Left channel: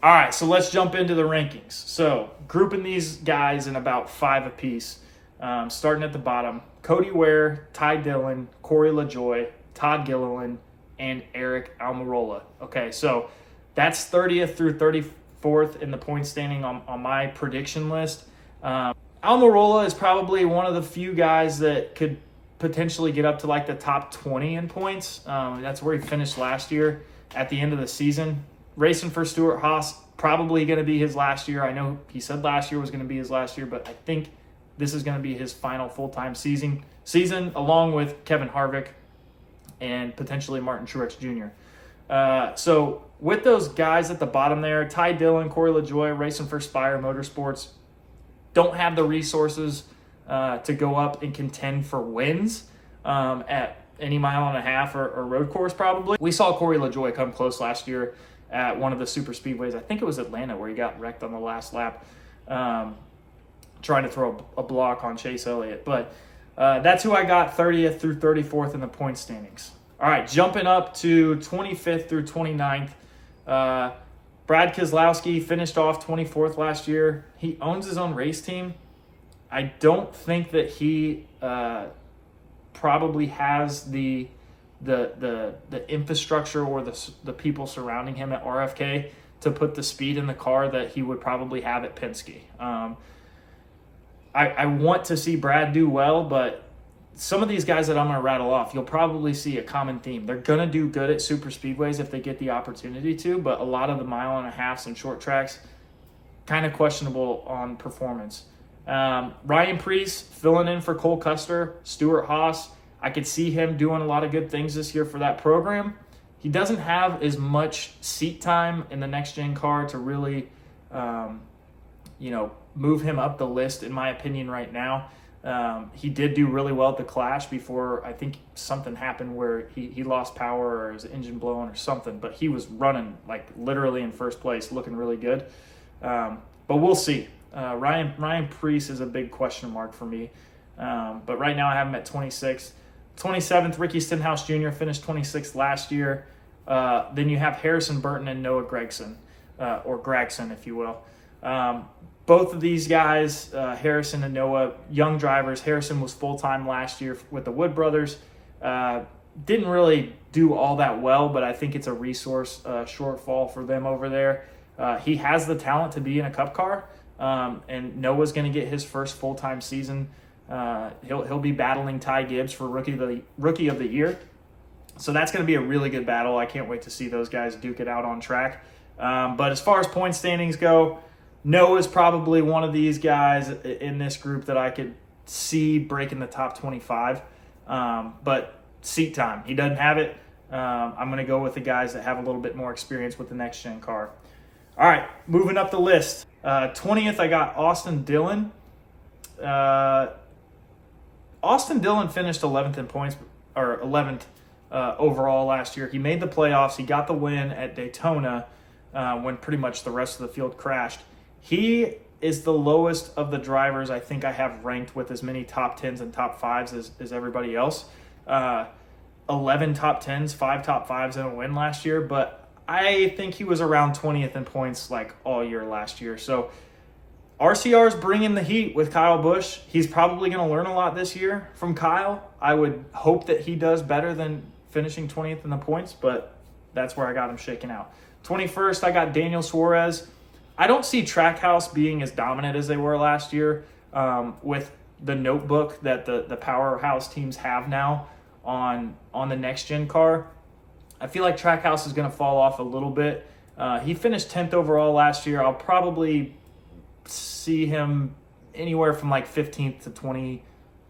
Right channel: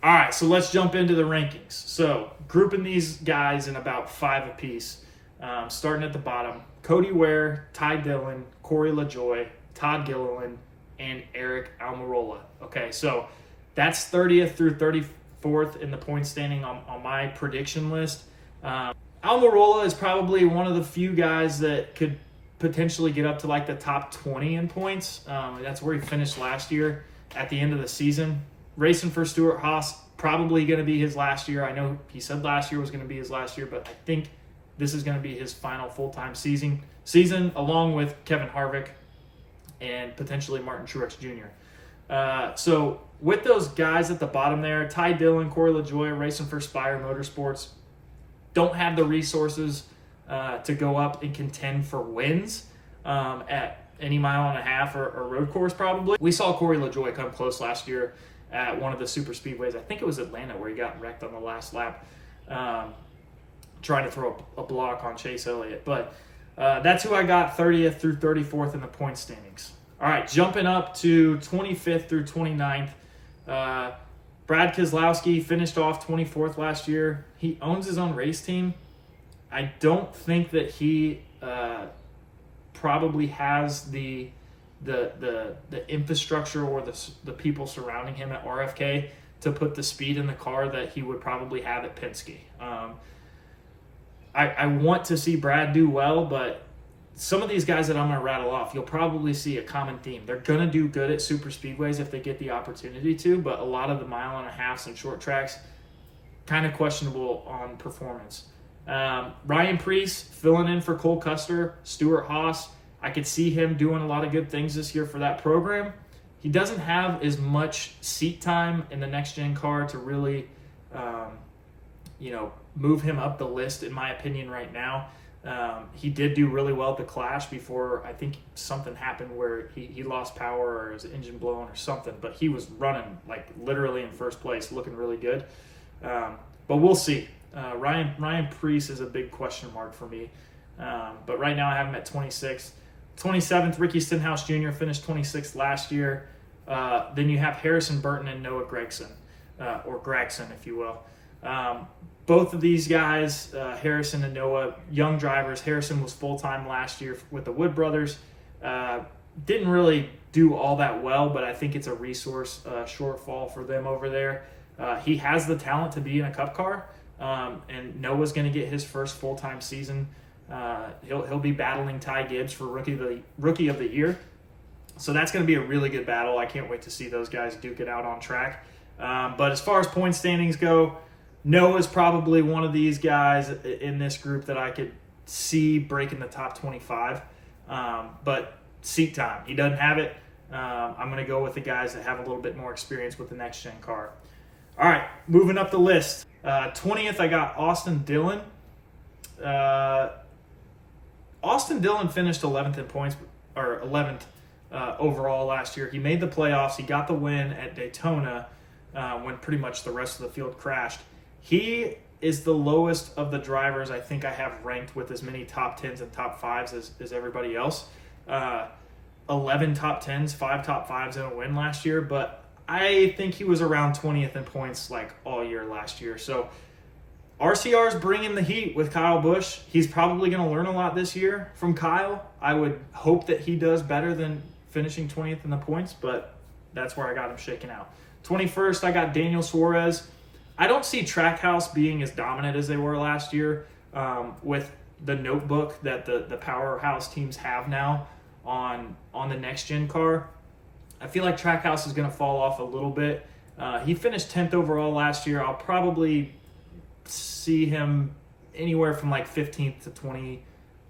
All right, so let's jump into the rankings. So grouping these guys in about 5 apiece, starting at the bottom: Cody Ware, Ty Dillon, Corey LaJoy, Todd Gilliland, and Eric Almirola. Okay, so that's 30th through 34th in the point standing on my prediction list. Almirola is probably one of the few guys that could potentially get up to like the top 20 in points. That's where he finished last year at the end of the season. Racing for Stewart-Haas, probably going to be his last year. I know he said last year was going to be his last year, but I think this is going to be his final full-time season along with Kevin Harvick and potentially Martin Truex Jr. So with those guys at the bottom there, Ty Dillon, Corey LaJoy, racing for Spire Motorsports, don't have the resources to go up and contend for wins at any mile and a half or road course probably. We saw Corey LaJoy come close last year at one of the super speedways. I think it was Atlanta where he got wrecked on the last lap trying to throw a block on Chase Elliott. But that's who I got 30th through 34th in the point standings. All right, jumping up to 25th through 29th. Brad Keselowski finished off 24th last year. He owns his own race team. I don't think that he probably has the infrastructure or the people surrounding him at RFK to put the speed in the car that he would probably have at Penske. I want to see Brad do well, but some of these guys that I'm going to rattle off, you'll probably see a common theme. They're going to do good at super speedways if they get the opportunity to, but a lot of the mile and a halves and short tracks, kind of questionable on performance. Ryan Preece filling in for Cole Custer, Stewart-Haas. I could see him doing a lot of good things this year for that program. He doesn't have as much seat time in the next-gen car to really, move him up the list, in my opinion, right now. He did do really well at the Clash before I think something happened where he lost power or his engine blown or something, but he was running like literally in first place, looking really good. But we'll see. Ryan Preece is a big question mark for me. But right now I have him at 26th. 27th, Ricky Stenhouse Jr. finished 26th last year. Then you have Harrison Burton and Noah Gragson, or Gragson, if you will. Both of these guys, Harrison and Noah, young drivers. Harrison was full-time last year with the Wood Brothers. Didn't really do all that well, but I think it's a resource shortfall for them over there. He has the talent to be in a Cup car, and Noah's going to get his first full-time season. He'll be battling Ty Gibbs for Rookie of the Year. So that's going to be a really good battle. I can't wait to see those guys duke it out on track. But as far as point standings go, Noah's probably one of these guys in this group that I could see breaking the top 25. But seat time, he doesn't have it. I'm going to go with the guys that have a little bit more experience with the next-gen car. All right, moving up the list. 20th, I got Austin Dillon. Austin Dillon finished 11th in points, or 11th overall last year. He made the playoffs. He got the win at Daytona when pretty much the rest of the field crashed. He is the lowest of the drivers I think I have ranked with as many top 10s and top 5s as everybody else. 11 top 10s, 5 top 5s in a win last year, but I think he was around 20th in points like all year last year. So RCR's bringing the heat with Kyle Busch. He's probably going to learn a lot this year from Kyle. I would hope that he does better than finishing 20th in the points, but that's where I got him shaken out. 21st, I got Daniel Suarez. I don't see Trackhouse being as dominant as they were last year with the notebook that the powerhouse teams have now on the next-gen car. I feel like Trackhouse is going to fall off a little bit. He finished 10th overall last year. I'll probably see him anywhere from like 15th to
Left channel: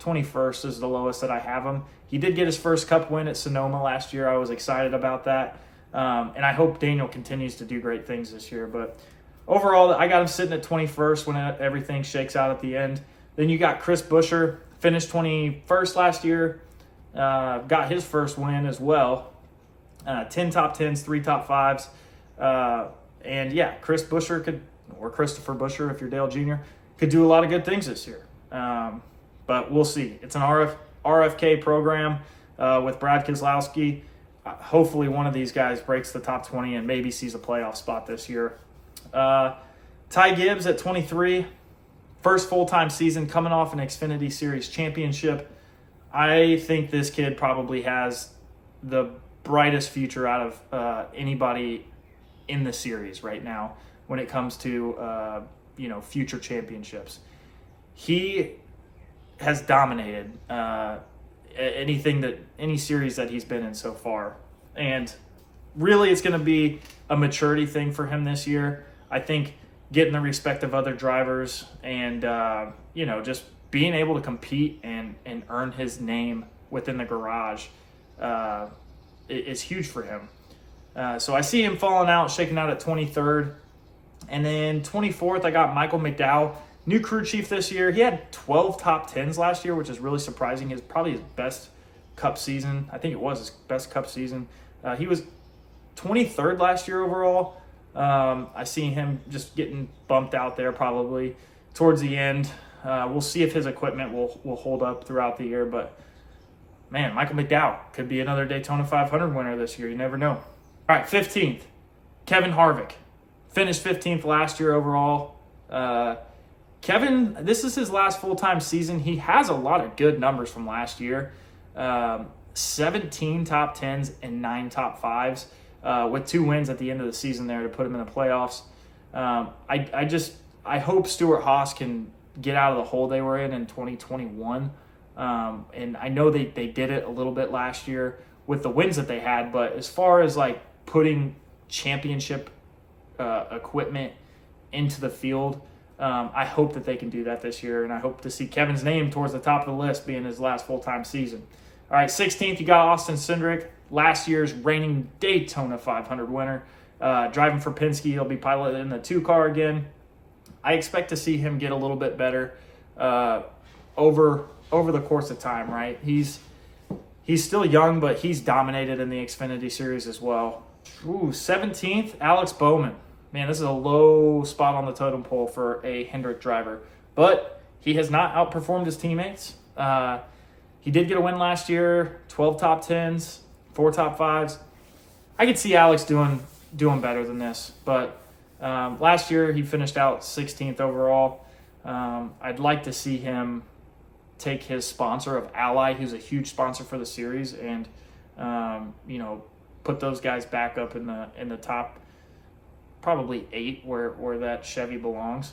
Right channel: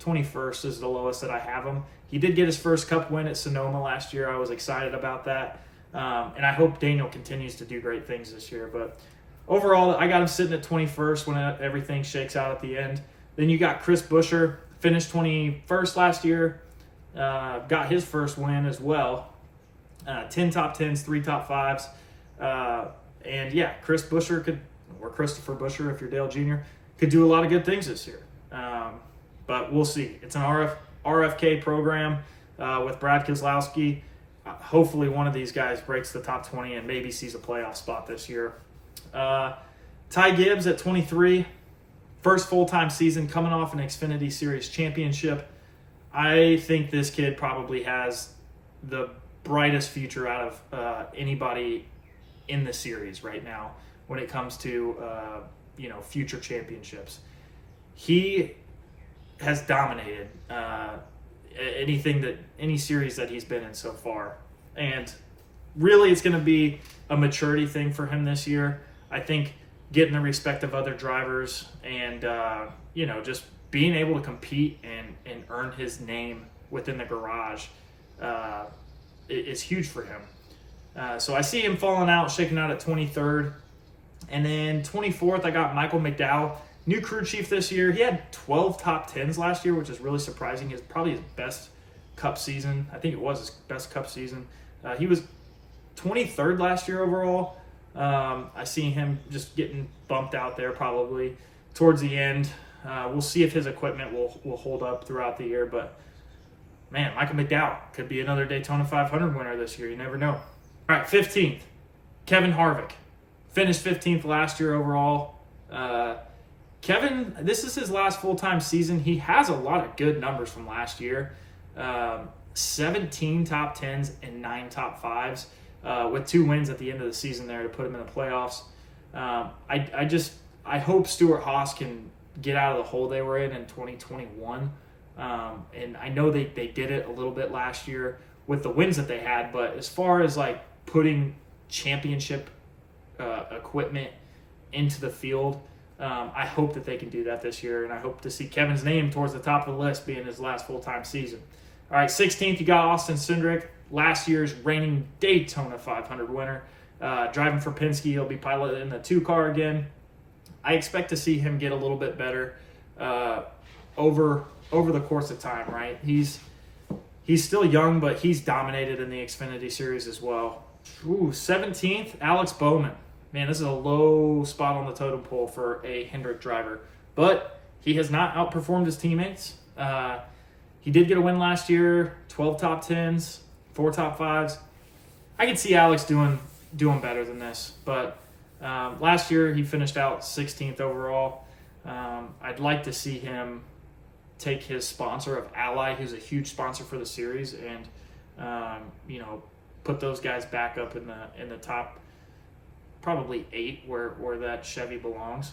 21st is the lowest that I have him. He did get his first Cup win at Sonoma last year. I was excited about that. And I hope Daniel continues to do great things this year. But overall, I got him sitting at 21st when everything shakes out at the end. Then you got Chris Buescher, finished 21st last year. Got his first win as well. 10 top 10s, 3 top 5s. And yeah, Chris Buescher could, or Christopher Buescher if you're Dale Jr., could do a lot of good things this year. But we'll see. It's an RFK program with Brad Keselowski. Hopefully one of these guys breaks the top 20 and maybe sees a playoff spot this year. Ty Gibbs at 23, first full-time season coming off an Xfinity Series championship. I think this kid probably has the brightest future out of anybody in the series right now when it comes to future championships. He has dominated any series that he's been in so far, and really it's going to be a maturity thing for him this year. I think getting the respect of other drivers and just being able to compete and earn his name within the garage is huge for him. So I see him falling out, shaking out at 23rd. And then 24th, I got Michael McDowell, new crew chief this year. He had 12 top 10s last year, which is really surprising. It's probably his best Cup season. I think it was his best Cup season. He was 23rd last year overall. I see him just getting bumped out there probably towards the end. We'll see if his equipment will hold up throughout the year. But, man, Michael McDowell could be another Daytona 500 winner this year. You never know. All right, 15th, Kevin Harvick. Finished 15th last year overall. Kevin, this is his last full-time season. He has a lot of good numbers from last year. 17 top 10s and 9 top 5s with 2 wins at the end of the season there to put him in the playoffs. I hope Stewart Haas can get out of the hole they were in 2021. And I know they did it a little bit last year with the wins that they had, but as far as like putting championship equipment into the field, I hope that they can do that this year, and I hope to see Kevin's name towards the top of the list being his last full-time season. All right, 16th, you got Austin Cindric, last year's reigning Daytona 500 winner. Driving for Penske, he'll be piloting the 2-car again. I expect to see him get a little bit better over the course of time, right? He's still young, but he's dominated in the Xfinity Series as well. 17th, Alex Bowman. Man, this is a low spot on the totem pole for a Hendrick driver. But he has not outperformed his teammates. He did get a win last year, 12 top 10s, 4 top 5s. I could see Alex doing better than this. But last year he finished out 16th overall. I'd like to see him take his sponsor of Ally, who's a huge sponsor for the series, and put those guys back up in the top, probably 8, where that Chevy belongs.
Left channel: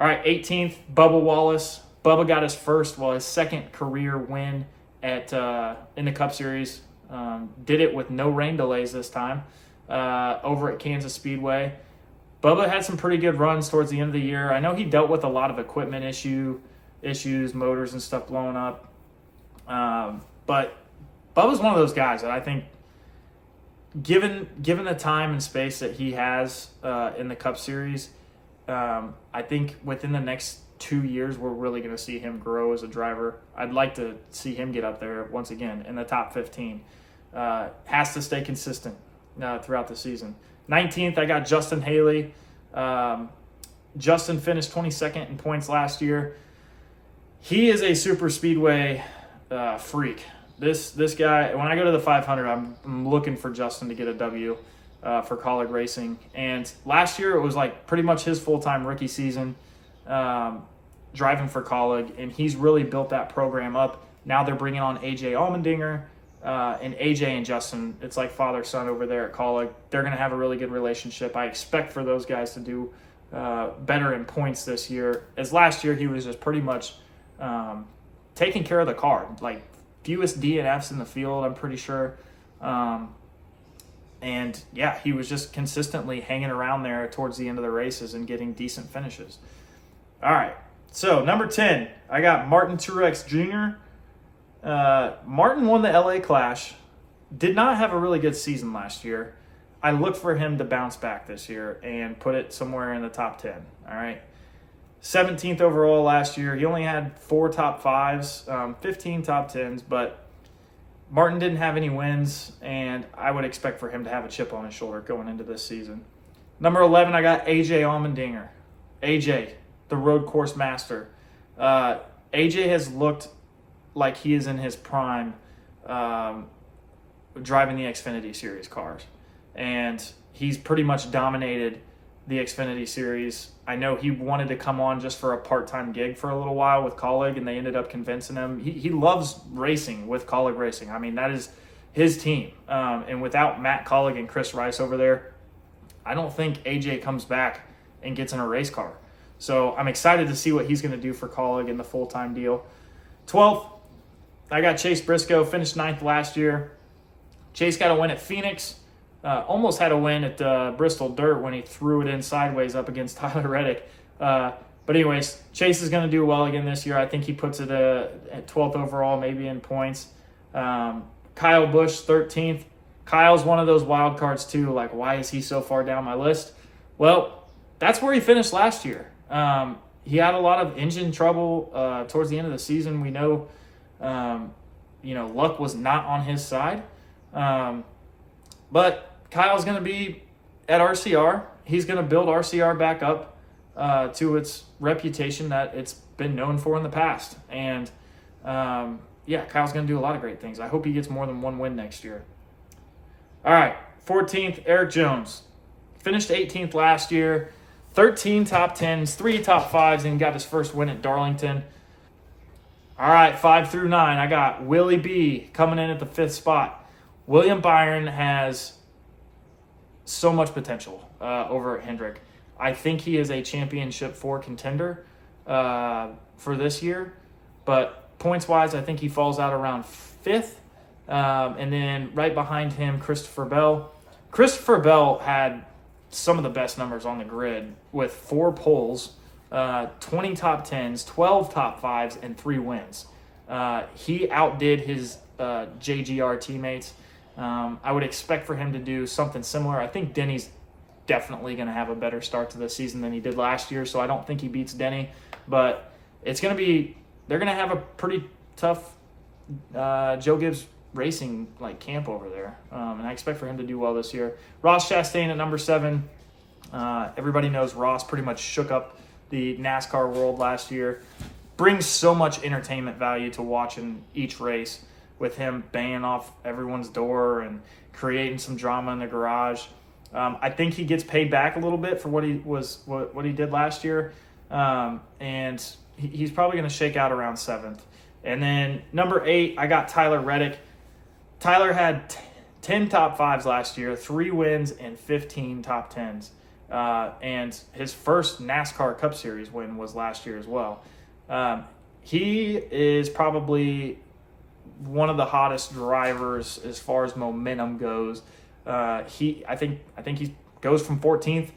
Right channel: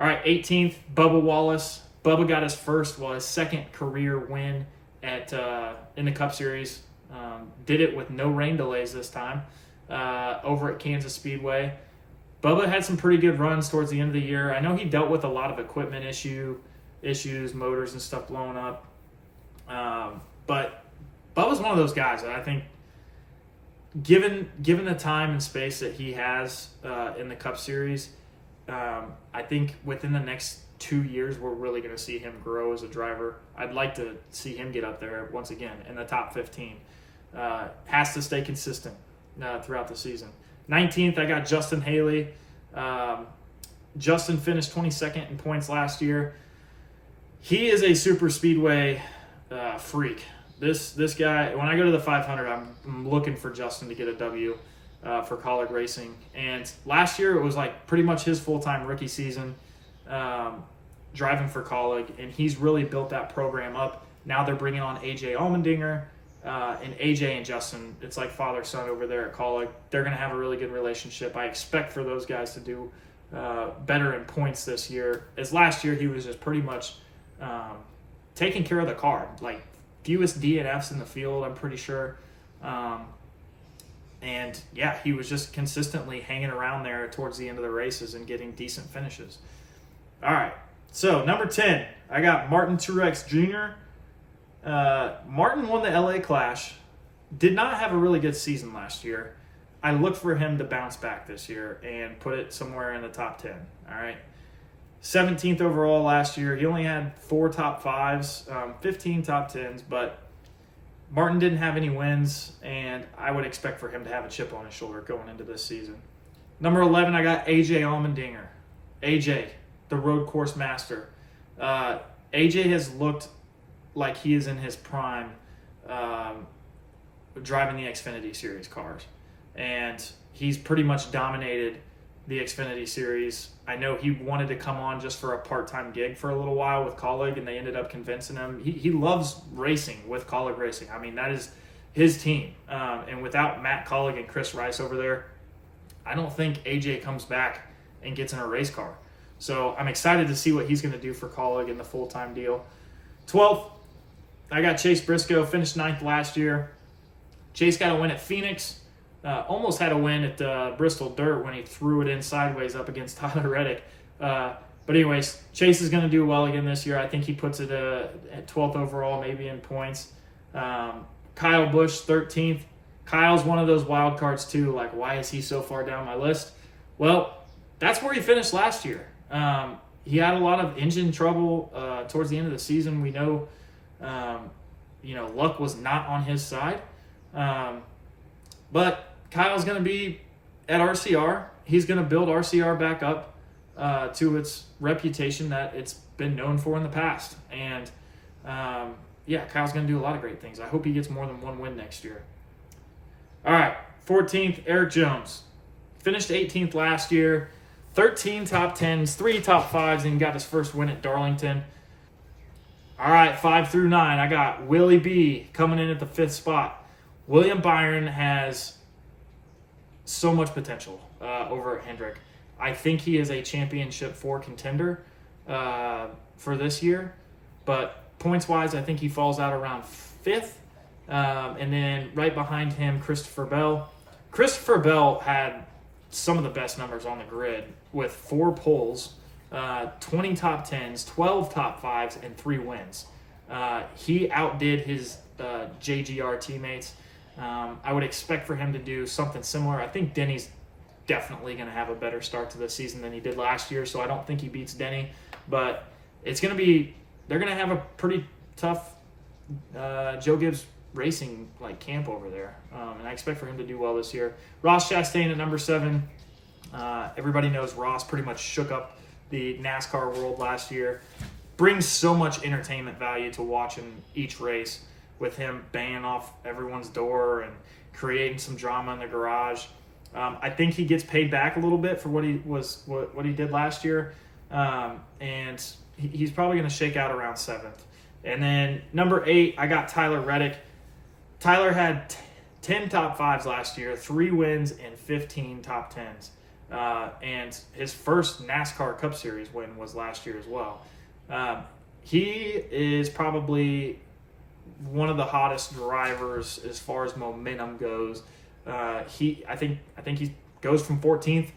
All right, 18th, Bubba Wallace. Bubba got his second career win in the Cup Series. Did it with no rain delays this time over at Kansas Speedway. Bubba had some pretty good runs towards the end of the year. I know he dealt with a lot of equipment issues, motors and stuff blowing up. But Bubba's one of those guys that I think, given the time and space that he has in the Cup Series, I think within the next 2 years we're really going to see him grow as a driver. I'd like to see him get up there once again in the top 15. Has to stay consistent throughout the season. 19th, I got Justin Haley. Justin finished 22nd in points last year. He is a super speedway freak. This guy, when I go to the 500, I'm looking for Justin to get a W for College Racing. And last year it was like pretty much his full-time rookie season driving for College, and he's really built that program up. Now they're bringing on AJ Allmendinger, and AJ and Justin, it's like father-son over there at College. They're going to have a really good relationship. I expect for those guys to do better in points this year, as last year he was just pretty much taking care of the car. Like, fewest DNFs in the field, I'm pretty sure. And, yeah, he was just consistently hanging around there towards the end of the races and getting decent finishes. All right, so number 10, I got Martin Truex Jr. Martin won the LA Clash. Did not have a really good season last year. I look for him to bounce back this year and put it somewhere in the top 10. All right. 17th overall last year. He only had 4 top 5s, 15 top 10s, but Martin didn't have any wins, and I would expect for him to have a chip on his shoulder going into this season. Number 11, I got AJ Allmendinger. AJ, the road course master. AJ has looked like he is in his prime driving the Xfinity Series cars. And he's pretty much dominated the Xfinity Series. I know he wanted to come on just for a part-time gig for a little while with Colleague, and they ended up convincing him. He loves racing with Colleague Racing. I mean, that is his team. And without Matt Colleague and Chris Rice over there, I don't think AJ comes back and gets in a race car. So I'm excited to see what he's going to do for Colleague in the full-time deal. 12th, I got Chase Briscoe, finished 9th last year. Chase got a win at Phoenix. Almost had a win at Bristol Dirt when he threw it in sideways up against Tyler Reddick. But anyways, Chase is going to do well again this year. I think he puts it at 12th overall, maybe in points. Kyle Busch, 13th. Kyle's one of those wild cards too. Like, why is he so far down my list? Well, that's where he finished last year. He had a lot of engine trouble towards the end of the season. We know, luck was not on his side. But Kyle's going to be at RCR. He's going to build RCR back up to its reputation that it's been known for in the past. And, Kyle's going to do a lot of great things. I hope he gets more than one win next year. All right, 14th, Eric Jones. Finished 18th last year. 13 top 10s, 3 top 5s, and got his first win at Darlington. All right, 5 through 9, I got Willie B coming in at the 5th spot. William Byron has so much potential over at Hendrick. I think he is a championship 4 contender for this year, but points-wise, I think he falls out around 5th. And then right behind him, Christopher Bell. Christopher Bell had some of the best numbers on the grid with 4 poles, 20 top 10s, 12 top 5s, and 3 wins. He outdid his JGR teammates. I would expect for him to do something similar. I think Denny's definitely going to have a better start to the season than he did last year, so I don't think he beats Denny. But it's going to be – they're going to have a pretty tough Joe Gibbs Racing camp over there, and I expect for him to do well this year. Ross Chastain at number 7. Everybody knows Ross pretty much shook up the NASCAR world last year. Brings so much entertainment value to watching each race with him banging off everyone's door and creating some drama in the garage. I think he gets paid back a little bit for what he did last year, and he's probably going to shake out around 7th. And then number 8, I got Tyler Reddick. Tyler had 10 top 5s last year, 3 wins, and 15 top 10s. And his first NASCAR Cup Series win was last year as well. He is probably one of the hottest drivers as far as momentum goes. I think he goes from 14th,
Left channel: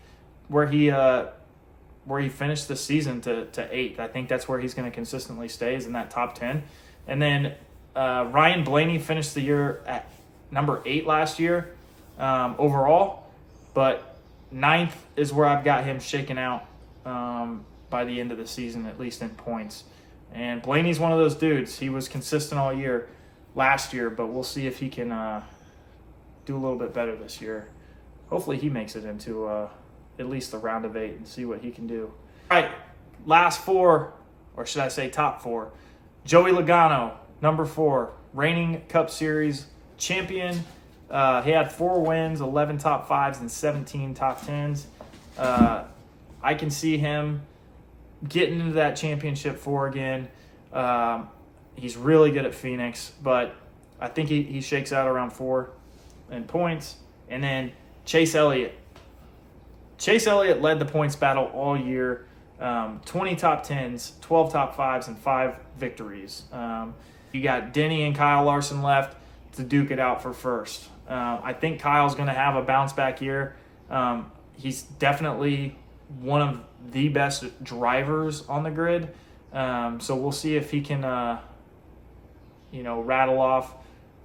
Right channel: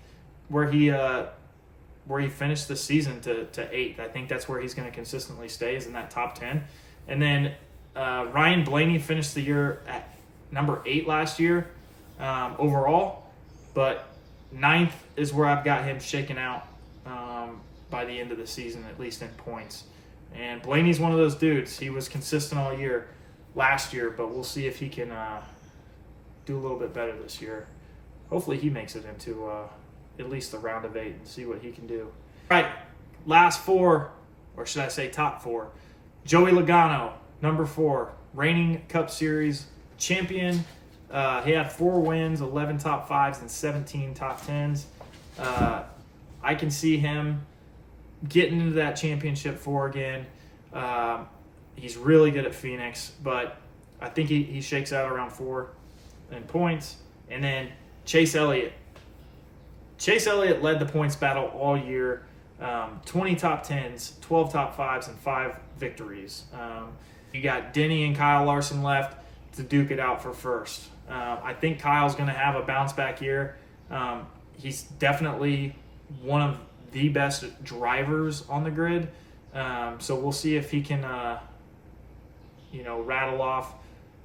where he finished the season, to 8th. I think that's where he's going to consistently stay, is in that top 10. And then Ryan Blaney finished the year at number 8 last year overall, but 9th is where I've got him shaking out by the end of the season, at least in points. And Blaney's one of those dudes. He was consistent all year last year, but we'll see if he can do a little bit better this year. Hopefully he makes it into at least a round of 8 and see what he can do. All right, last 4, or should I say top 4. Joey Logano, number 4, reigning Cup Series champion. He had 4 wins, 11 top 5s, and 17 top 10s. I can see him getting into that championship 4 again. He's really good at Phoenix, but I think he shakes out around 4 in points. And then Chase Elliott. Chase Elliott led the points battle all year. 20 top 10s, 12 top 5s, and 5 victories. You got Denny and Kyle Larson left to duke it out for first. I think Kyle's going to have a bounce-back year. He's definitely one of the best drivers on the grid. So we'll see if he can, rattle off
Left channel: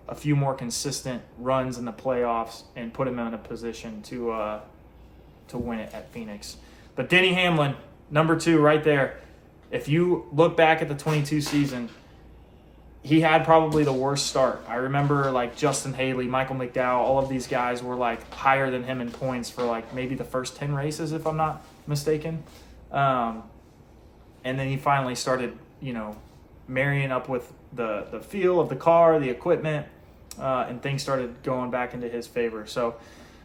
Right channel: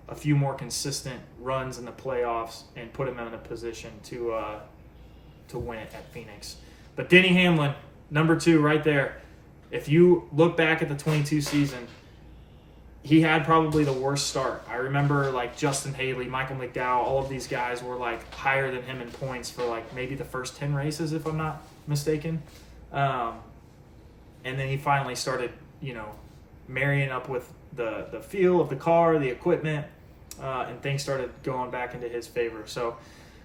a few more consistent runs in the playoffs and put him in a position to win it at Phoenix. But Denny Hamlin, number 2 right there. If you look back at the 22 season, he had probably the worst start. I remember Justin Haley, Michael McDowell, all of these guys were higher than him in points for maybe the first 10 races, if I'm not mistaken. And then he finally started, marrying up with the feel of the car, the equipment, and things started going back into his favor. So